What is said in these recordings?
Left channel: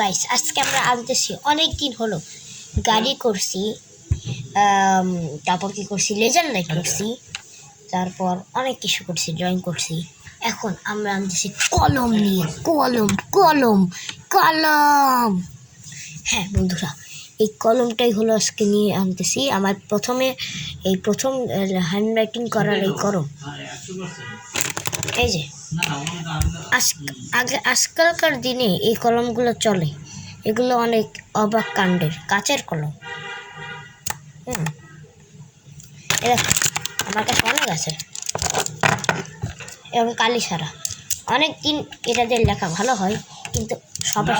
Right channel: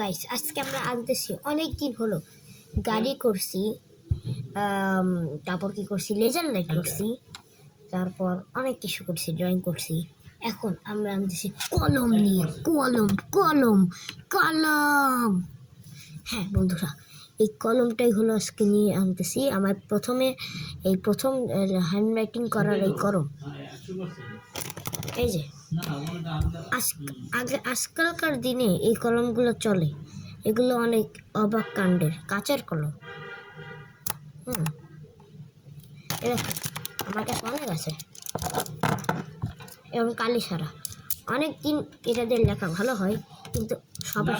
Guys, আজকে আমরা আনতেছি অনেক দিন হলো গাড়ি করছি, তারপর কি করছি, লেজার লাইট করছি, তারপর অনেক কিছু করছি, ড্রয়িং করছি। এখন আমরা আনতেছি কলম নিয়ে, কলম কলম কলম। হ্যাঁ বন্ধুরা, এই কলমটাই হলো আজকে নিয়ে আনতেছি। আমার প্রথম হ্যান্ড রাইটিং করার এই কলম। এই যে আজকালকার দিনে এই কলমগুলো চলে, এগুলো অনেক অবাক কাণ্ডের, কাচের কলম। আমার কাছে অনেক আছে এবং কালি ছাড়া। অনেক দিন এটা দিয়ে লেখা ভালো হয়, কিন্তু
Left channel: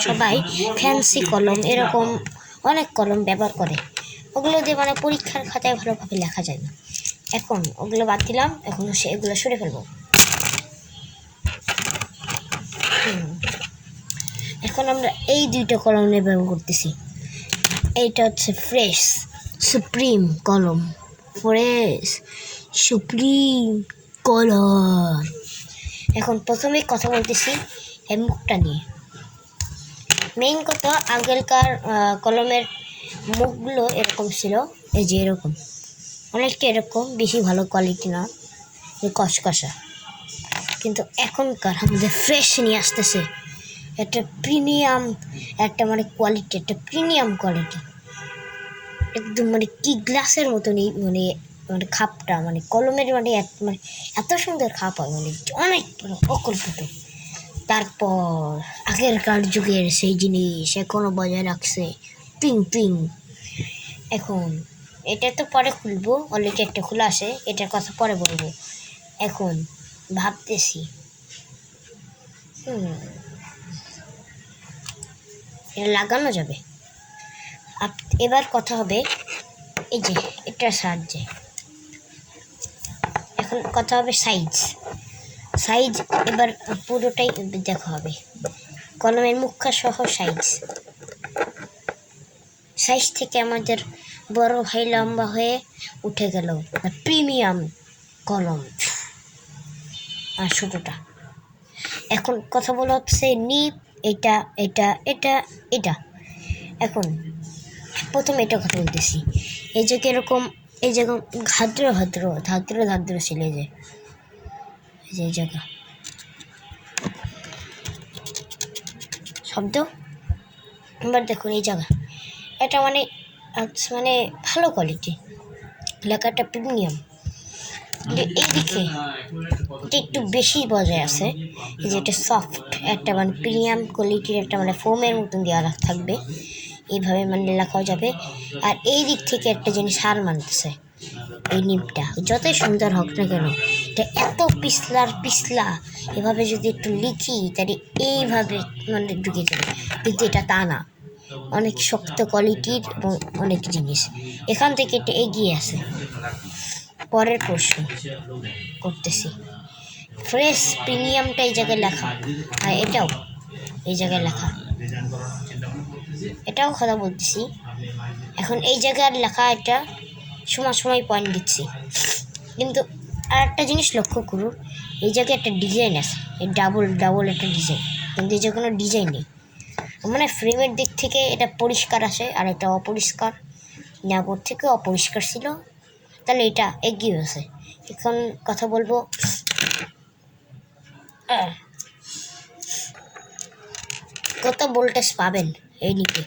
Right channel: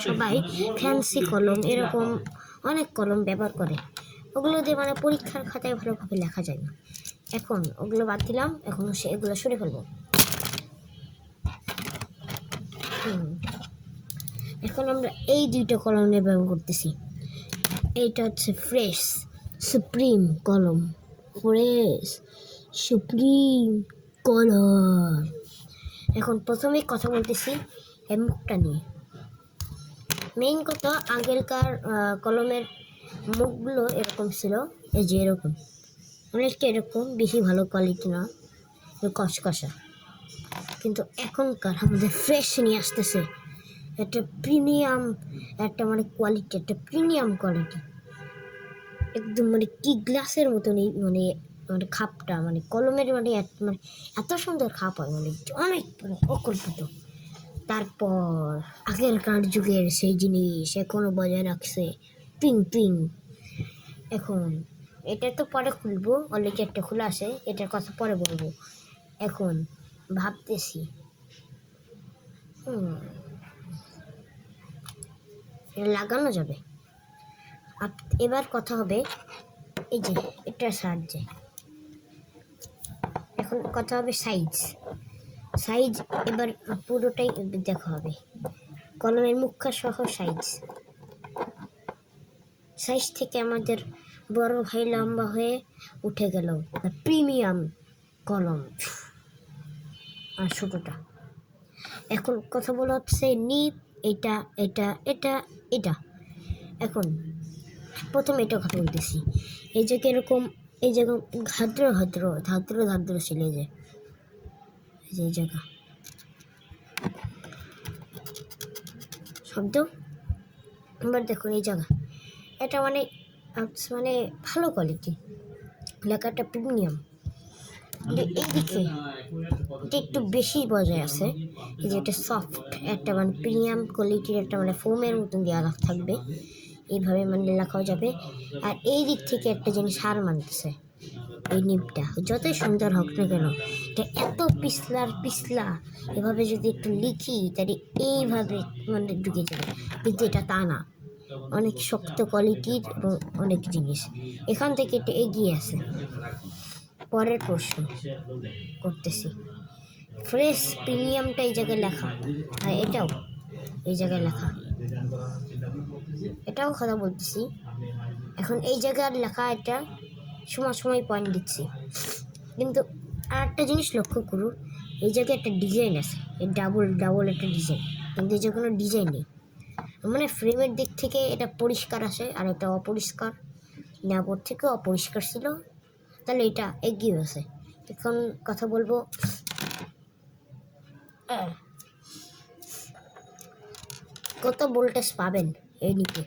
সবাই ফ্যান্সি কলম, এরকম অনেক কলম ব্যবহার করে। ওগুলো দিয়ে পরীক্ষার খাতায় ভালোভাবে লেখা যায় না। এখন ওগুলো বাদ দিলাম, এখন এগুলো সরে ফেলবো। এখন আমরা এই দুইটা কলম নিয়ে ব্যবহার করতেছি। এইটা হচ্ছে ফ্রেশ সুপ্রিম কলম, ফ্রেশ সুপ্রিম কলম। এখন প্রথমে কথা বলতেছি এই মুখটা নিয়ে। মেইন কথা, আগেরকার কলমের মুখগুলো এরকম ছিল, এই যে এরকম, অনেকটা এরকম, বেশি ভালো কোয়ালিটি না, কসকসা। কিন্তু এখনকার আমাদের ফ্রেশ নিয়ে আসতেছে একটা প্রিমিয়াম, একটা কোয়ালিটি, একটা প্রিমিয়াম কোয়ালিটি, একদম কি গ্লাসের মতন। এই খাপটা, কলমের এত সুন্দর খাপ হয়, অনেক অকল্পিত। তারপর আগেরকার যুগের সেই জিনিস এখনো বজায় রাখছে, পিং পিং। এখন এটা তো পরে খুলবো, অলরেডি একটা খোলা আছে, এটার কথা পরে বলবো। এখন ভাবতেছি এটা লাগানো যাবে। এবার কথা হবে এই যে এটার সাহায্যে। এখন কথা হবে সাইজ। এবার পুরোটাই দেখা হবে, কলমের মুখা সহ সাইজ থেকে আমাদের বড় ভাই লম্বা হয়ে উঠে গেল প্রিমিয়াম কলম, আর ছোটটা। এখন কথা বলা হচ্ছে নিপ, এটা এটা এটা এটা। এখন প্রথমে এটা কথা বলতেছি, এই যে কিরকম, এই যে ধাদ্র ছিল, এই যে জায়গা শব্দ। এবার দেখুন এই জায়গা, এটা ভালো কোয়ালিটি, লেখাটা প্রিমিয়াম। এইদিকে এটা একটু বেশি বজায় আছে, যে এটা সফট, একটা প্রিমিয়াম কোয়ালিটির, একটা ফোমের মতন দেওয়া থাকবে, এইভাবে লেখাও যাবে। আর এই দিক থেকে একটা জিনিস হার মানতেছে, এই নিপটা যতই সুন্দর হোক না কেন, এটা এত পিছলা, এভাবে যদি একটু লিখি তাহলে এইভাবে ঢুকে যাবে, কিন্তু এটা তা না, অনেক শক্ত কোয়ালিটির এবং অনেক জিনিস। এখান থেকে এটা এগিয়ে আছে। পরের প্রশ্ন করতেছি, ফ্রেশ প্রিমিয়ামটা এই জায়গায় লেখা, আর এটাও এই জায়গায় লেখা, এটাও কথা বলতেছি। এখন এই জায়গার লেখা, এটা সময় পয়েন্ট দিচ্ছি, কিন্তু আর একটা জিনিস লক্ষ্য করুন, এই জায়গায় একটা ডিজাইন আছে, এই ডাবল একটা ডিজাইন, কিন্তু এই জায়গায় কোনো ডিজাইন নেই। ফ্রেমের দিক থেকে এটা পরিষ্কার আসে, আর এটা অপরিষ্কার, নাগর থেকে অপরিষ্কার ছিল, তাহলে এটা এগিয়ে আছে। এখন কথা বলবো, কত ভোল্টেজ পাবেন এই নিকে।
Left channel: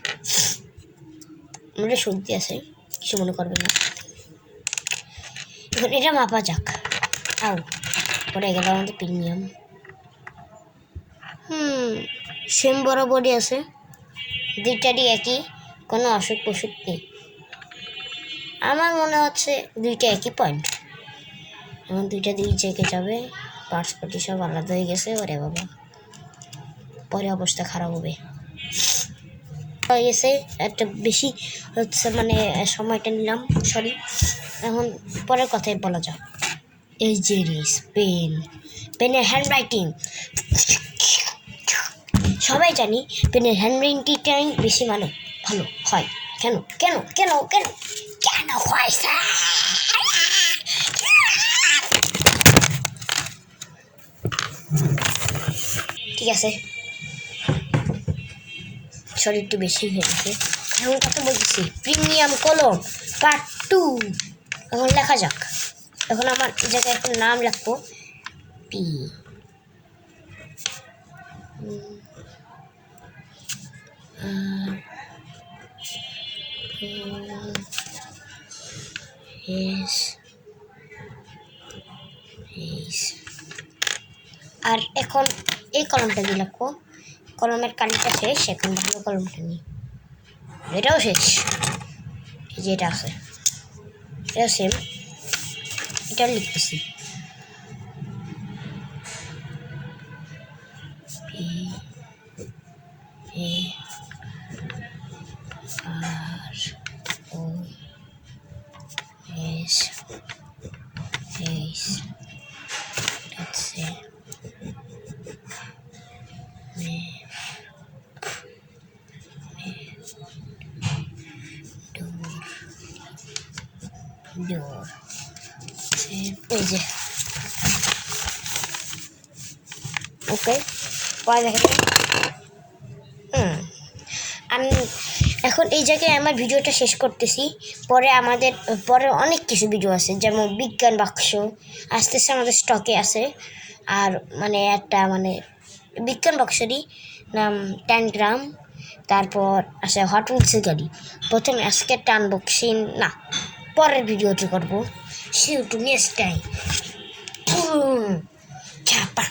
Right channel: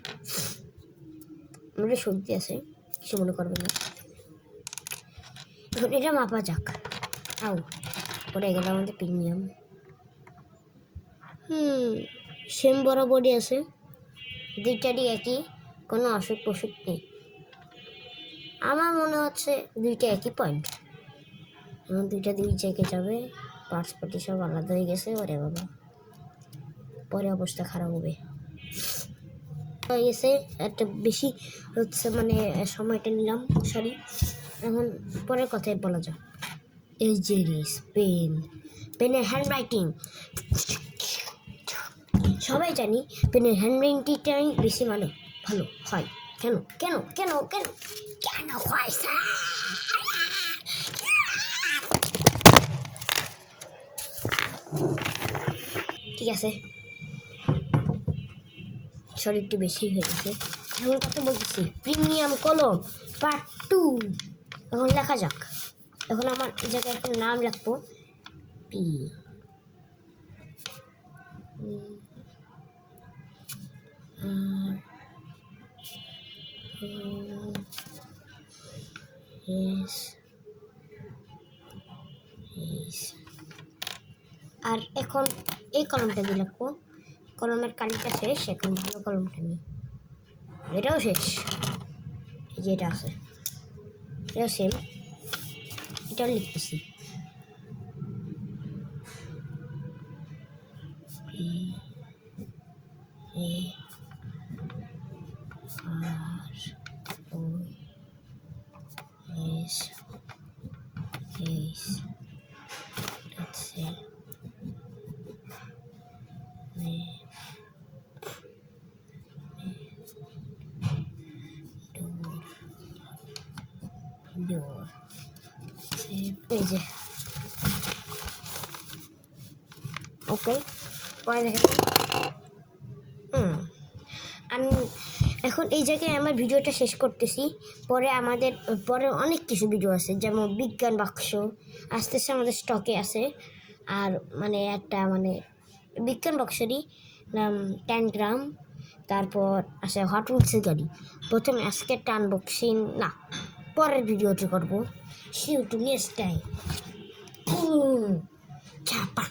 সর্দি আছে, কিছু মনে করবেন না। এখন এটা মাপা যাক। পরে গেল আমাদের প্রিমিয়াম, সেম বরাবরই আছে, দুইটারই একই, কোনো অসুখ নেই। আমার মনে হচ্ছে দুইটা একই পয়েন্ট। এখন দুই জায়গায় যাবে, পার্টস সব আলাদা হয়ে গেছে। ওরে বাবা, পরে অবস্থা খারাপ হবে। হয়ে গেছে একটা বেশি হচ্ছে, সময়টা নিলাম, সরি। এখন পরের কথাই বলা যাক, এই যে পেনের হ্যান্ড রাইটিং, সবাই জানি পেনের হ্যান্ড রাইটিংটাই বেশি ভালো হয়। কেন কেন কেন কেন কেন হয় স্যার? ঠিক আছে, সরি একটু বেশি হয়ে গেছে। এখন কত বলতেছি, প্রিমিয়াম কলম পার্ট 2 এখন লেখা যাক। এখন আমার এই জায়গায় এখন নাম লিখবো পি আর এখন এই কলমটা দিয়ে লিখবো। কলমের কালিটা শেষ, এখন ভালো কলমটা নিই। এটাও শেষ, এই যে এটা আছে, এটাও সেম, এটা লিখতেছি P A R O S H হচ্ছে ডোর এই যে ওকে পরে দেখা যাবে। আমি এখন এই জায়গায় আমার ভিডিওটা শেষ করতেছি। পরে অনেক কিছু ভিডিও আছে, যেমন বিজ্ঞান বাক্স আস্তে আস্তে আমাদের স্টকে আছে। আর মানে একটা মানে বিজ্ঞান বাক্সেরই নাম 10 গ্রাম। তারপর আছে হট উইলসের গাড়ি। প্রথমে আজকে আনবক্সিং না, পরের ভিডিওটি করবো। See you to next time. চাপা